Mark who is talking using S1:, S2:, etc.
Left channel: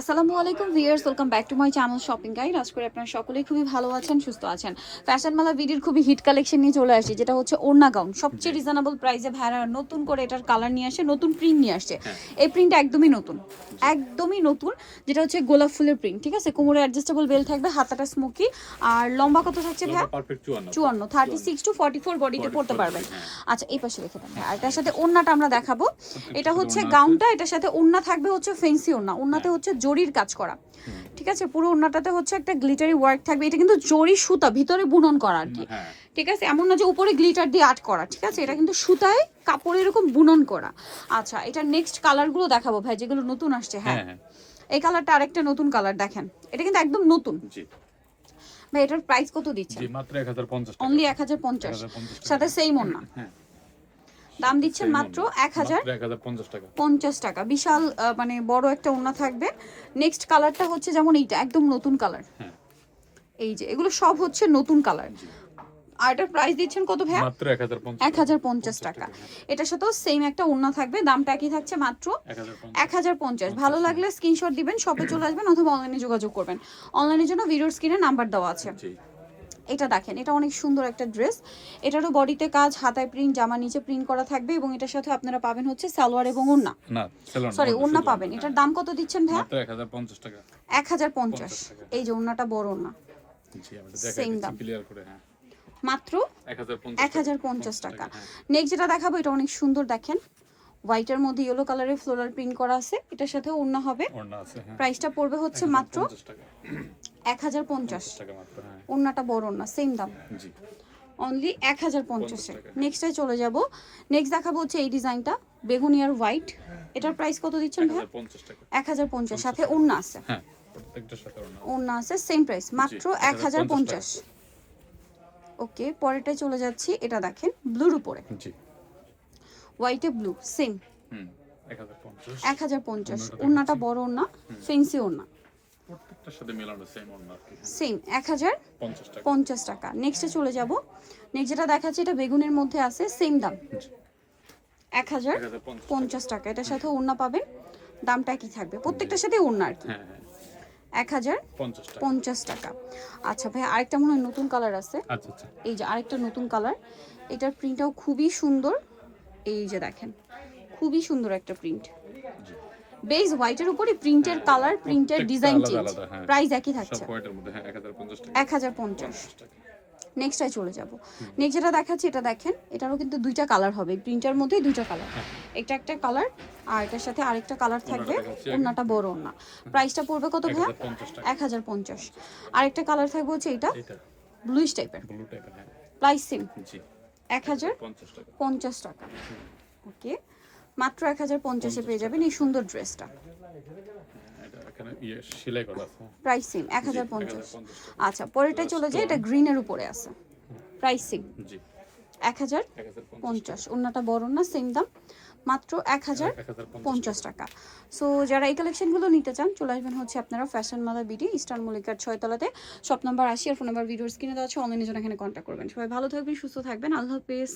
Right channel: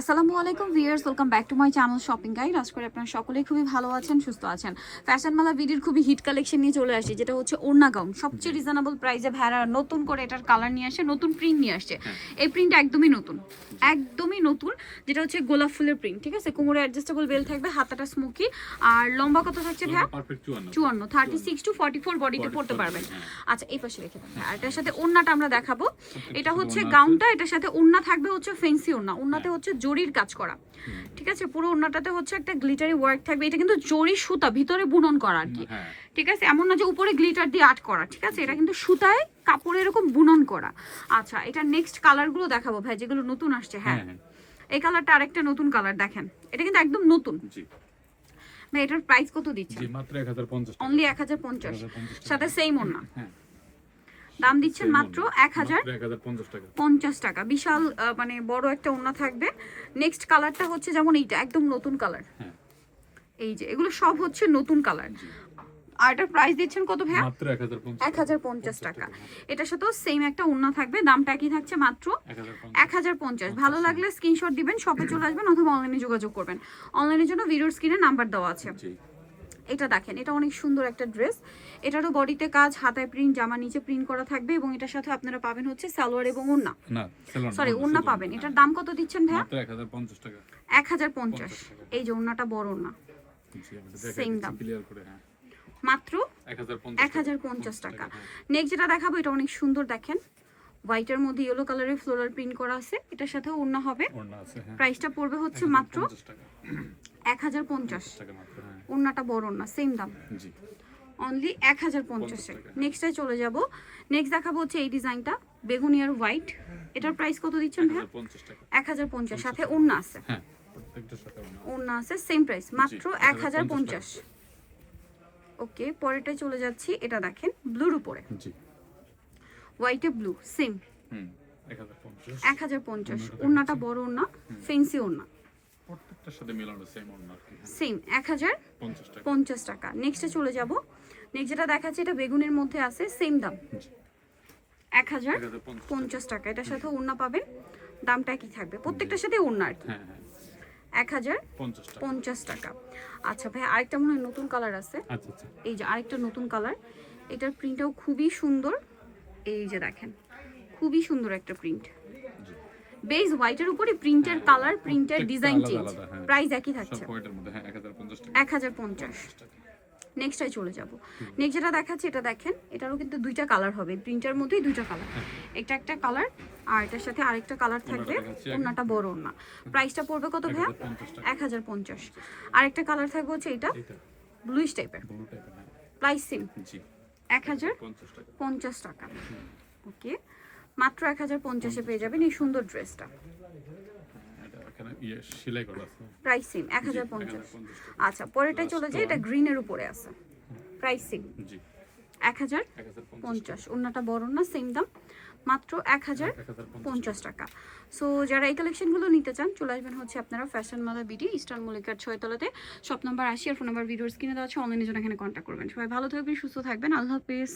S1: আসসালামু আলাইকুম viewers welcome back to my channel shopping guide আজ করে আপনারা সকলেই খুবই ভালো আছেন সুস্থ আছেন। ফ্যাশন মালা ভিডিওর খুবই হিট কালেকশন নিয়ে চলে আসি যেটা হচ্ছে ওড়না গাউন সবচেয়ে রিজনেবল প্রাইসে ভাড়া নতুন করে এটার কালার নিয়ে আসে নতুন প্রিন্ট নিয়ে আসছে এই প্রিন্ট একদমই নতুন একদমই নতুন যেটা হচ্ছে গোলাপ ফুলের প্রিন্ট ঠিক আছে? কোমরে অ্যাডজাস্টেবল বেল থাকবে হাতাটা স্মোকি আর লম্বা কত
S2: পারফেক্ট চুয়ান্ন।
S1: Thirty six to forty four বডিতে পড়তে পারবেন।
S2: হ্যাঁ।
S1: আচ্ছা এই পাশে রেখে দেন আর এটার সাথে ওড়নাটা আমরা দেখাবো। এটা হচ্ছে গাউনটা এটার সাথে ওড়না থাকবে হচ্ছে ফেন্সি ওড়না। ওড়নাতে হচ্ছে জরির কাজ করা। ঠিক আছে? পুরো ওড়নাটাতে হচ্ছে একটা গ্লিটারি ওয়ার্ক থাকবে। এটা কিন্তু জরি সুতা ভিতরে বুনন করা আর কি।
S2: হ্যাঁ।
S1: ঠিক আছে? এমন না যে উপরে গ্লিটার দিয়ে আর্ট করা ঠিক আছে? এটা কিন্তু সুতায় কাপড় এরকম বুনন করা। আচ্ছা এটা নেক্সট কালারগুলো দেখাবো ভাই যেগুলো নতুন আসছে হ্যাঁ?
S2: হ্যাঁ হ্যাঁ।
S1: এই কালারটা আরেকটা নতুন কালার দেখেন। এটা কিন্তু একদম নতুন।
S2: জি।
S1: ভাই এটার প্রাইস কত দিচ্ছেন?
S2: জি মাত্র এক হাজার পঞ্চাশ টাকা।
S1: অনলি এক হাজার পঞ্চাশ।
S2: 1050
S1: সাথে সেম ওড়না।
S2: হ্যাঁ।
S1: দাম দিচ্ছেন মাত্র এক হাজার
S2: পঞ্চাশ টাকা।
S1: বিশাল মানে বড় একটা ওড়না থাকবে। নেক্সট কালারটা হচ্ছে যেমন এইটা একদম নতুন কালার
S2: হ্যাঁ।
S1: এই যে এগুলো সব হচ্ছে নতুন কালার আর এটার প্রাইস দিচ্ছেন কত ভাইয়া?
S2: মাত্র এক হাজার পঞ্চাশ
S1: এক হাজার পঞ্চাশ টাকা। এটার সাথেও সেম একটা ওড়না থাকবে দামটা একই থাকছে মাত্র
S2: এক হাজার
S1: এক হাজার পঞ্চাশ। ভালো লাগলে স্ক্রিনশট দিবেন শপে চলে আসবেন অথবা অনলাইনে যোগাযোগ করবেন। অনলাইনের জন্য ভিডিওর স্ক্রিনে নাম্বার দেওয়া আছে। এটা দেখেন এটা অনেক সুন্দর একটা ড্রেস। এটারও বডিতে কাজ হাতায় প্রিন্ট জামা নিচে প্রিন্ট করা থাকবে এবং এটার সাথে আপনারা পাবেন হচ্ছে সালোয়ার এবং ওড়না।
S2: না সেলন
S1: সরি ওড়না পাবেন। এটার দাম কত দিচ্ছেন
S2: মাত্র এক হাজার পঞ্চাশ টাকা।
S1: এক হাজার পঞ্চাশ।
S2: 50 টাকা।
S1: এই যে ওড়নাটা বড় Same
S2: দেখাই
S1: দাম।
S2: করে হ্যাঁ।
S1: মাত্র
S2: এক হাজার
S1: পঞ্চাশ টাকা।
S2: হ্যাঁ।
S1: নেক্সট যেটা দেখাবো এটা অনেক সুন্দর দেখেন। হোয়াইটের মধ্যে ইয়েলো কালারের ফ্লোরাল প্রিন্ট করা আছে। এটার সাথে ওড়না হবে।
S2: আছে হ্যাঁ।
S1: প্রাইসটা পড়বে হচ্ছে মাত্র এক হাজার পঞ্চাশ।
S2: 50 টাকা মাত্র হ্যাঁ।
S1: ওড়নাটা বড় ওড়না সেম দাম।
S2: জি।
S1: অনলি এক হাজার পঞ্চাশে। নেক্সটে চলে যাব। নেক্সট দেখাবো হচ্ছে এই ডিজাইনটা বেগুনি আর হোয়াইট এটার প্রাইস কত দিচ্ছেন ভাই এক হাজার পঞ্চাশ সাথে ওড়না আছে।
S2: হ্যাঁ ওড়না
S1: আছে। সেম প্রাইস মাত্র এক হাজার
S2: 1050
S1: পঞ্চাশ। ওকে পরেরটা চলে যাচ্ছি। এটা দেখেন ব্লুর উপরে।
S2: জি।
S1: হোয়াইটে ব্লু সেম।
S2: এক হাজার পঞ্চাশ। ওড়নাটা
S1: বড় ওড়না ফেন্সি ওড়না।
S2: প্রত্যেকটার সাথে মেলানো সেম
S1: এক হাজার
S2: পঞ্চাশ টাকা।
S1: নেক্সটে চলে যাব। নেক্সট যেটা দেখাচ্ছি এটা বেগুনের মধ্যে আছে সেম দাম। এক হাজার
S2: পঞ্চাশ
S1: পঞ্চাশ টাকা। এটার সাথে ওড়না পাবেন। দামটা কি থাকবে? প্রত্যেকটার সাথে ওড়না আর কি।
S2: হ্যাঁ হ্যাঁ।
S1: এক হাজার
S2: পঞ্চাশ টাকা।
S1: আচ্ছা ভাই আরেকটা মনে হয় নতুন কালার আছে।
S2: আচ্ছা আচ্ছা।
S1: এই যে আরেকটা নতুন কালার এটার প্রিন্টটাও খুবই সুন্দর। এই যে দেখেন খুবই সুন্দর একটা প্রিন্ট বেস হোয়াইটের উপরে প্রিন্টের কালার প্রিন্টের ডিজাইন চেঞ্জ। প্রাইস একই
S2: সব
S1: থাকছে
S2: মধ্যে হ্যাঁ এক হাজার পঞ্চাশ।
S1: নেক্সটটাই চলে যাব। নেক্সট যেটা দেখাচ্ছি এটা দেখেন এটারও কিন্তু দুইটা কালার হবে। প্রিন্টার মধ্যেই দুইটা কালার
S2: হ্যাঁ।
S1: এটা একটা কালার আর এটার সাথে আরেকটা কালার থাকবে। ওনাটা বড় না। প্রাইসটা পড়বে কত ভাইয়া? এক হাজার পঞ্চাশ। আরেকটা কালার থাকবে হচ্ছে এটা। ব্লুইশ টাইপের
S2: ব্লু টাইপের
S1: প্রাইস সেম
S2: জি।
S1: এক হাজার
S2: পঞ্চাশ টাকা।
S1: ওকে। মাত্র এক হাজার পঞ্চাশে পেয়ে যাবেন এই সুন্দর ড্রেসটা।
S2: হ্যাঁ, ইয়ে
S1: প্রাইস এক হাজার পঞ্চাশ।
S2: 1050
S1: আচ্ছা পরেরটাই চলে যায় এটা গ্রিনের উপরে আছে। প্রাইস এক হাজার
S2: পঞ্চাশ
S1: পঞ্চাশ। বড় না সেম দাম? মাত্র এক হাজার পঞ্চাশ টাকা। সো যারা এই কালেকশনগুলো নিতে চান চলে আসবেন হচ্ছে আপনারা ফ্যাশন মালা বিডি ইস্টার্ন মল্লিকার ছয়তলাতে। শপ নম্বর আশি আর ফোন নাম্বার ভিডিওর স্ক্রিনে দেওয়া আছে। অনলাইনে জন্য এখানে কন্ট্যাক্ট করবেন। সবাই ভালো থাকবেন সুস্থ থাকবেন। আল্লাহ হাফেজ।